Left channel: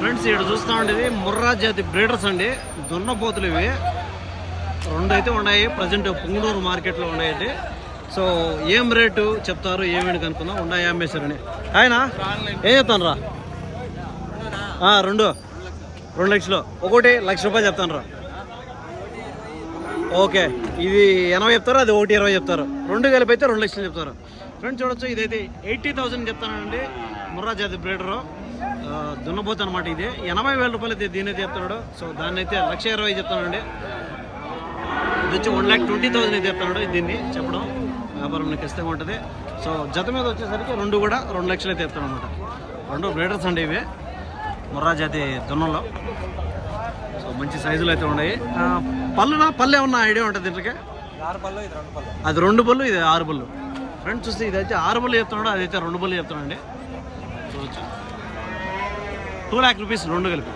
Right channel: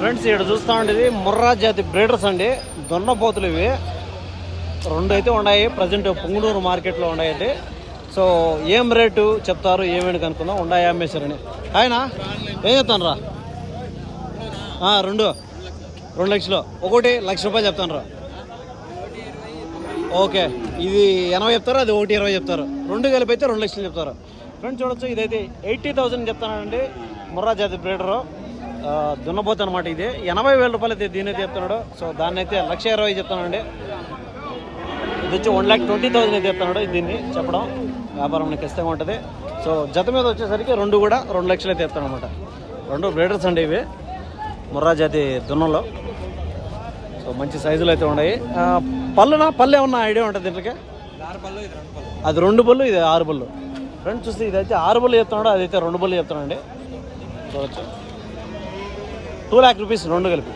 Friends ఇక్కడ చూస్తూ ఉండేది ముర్రా జాతి బ్రీడర్స్ అండి, దున్నపోతులు ఇవి. రెండు అయితే ఉన్నాయి ప్రజెంట్ పుంగనూరు మార్కెట్లో ఉన్నాయి. సో ఏం రేటు చెప్తారు ఏమేమి కనుక్కుందాం. ఉన్నాయి అమ్మేశారని. ఆయన ఏం చెప్తాను రా? 2 లక్షలు, ఒకటి ₹1,00,000 చెప్తాను రా. ఓకే, ఇది 80 చెప్తారు, అది 1,20 చెప్తారు. రెండు కలిపి అయితే 2 లక్షలు చెప్తారు. ఫ్రెండ్స్ చూడొచ్చు, ఇదైతే 80,000 చెప్తానండి. ముర్రా జాతి బ్రీడరు దున్నపోతు అనమాట. ఇది 80,000 రూపాయలు అయితే దీని అయితే చెప్తున్నాడు. సో దాన్ని అయితే 1,20,000 చెప్తానండి. ఇది వచ్చి 1,20,000 అయితే చెప్తున్నాడు. దీన్ని చెప్పడం వ్యాపారం ఖచ్చితంగా ఉంటుంది. సో జత మీద వచ్చేసరికి రెండు కూడా 2 లక్షలు అయితే చెప్తాను అనమాట. రెండు బ్రీడర్స్ అండి ఇవి, ముర్రా జాతి దున్నంలో. సో మంచి సైజులు అయితే ఉన్నాయి. పళ్ళు ఏమన్నా ఐడియా ఉంటుంది దీనికి? అది 2 పళ్ళు, ఇది 6 పళ్ళు. ఫ్రెండ్స్ చూస్తే ఇది అయితే 6 పళ్ళు చెప్తున్నాడు, అదైతే 2 పళ్ళు చెప్తానండి. చూడవచ్చు, ₹2,00,000 రెండు కలిపి.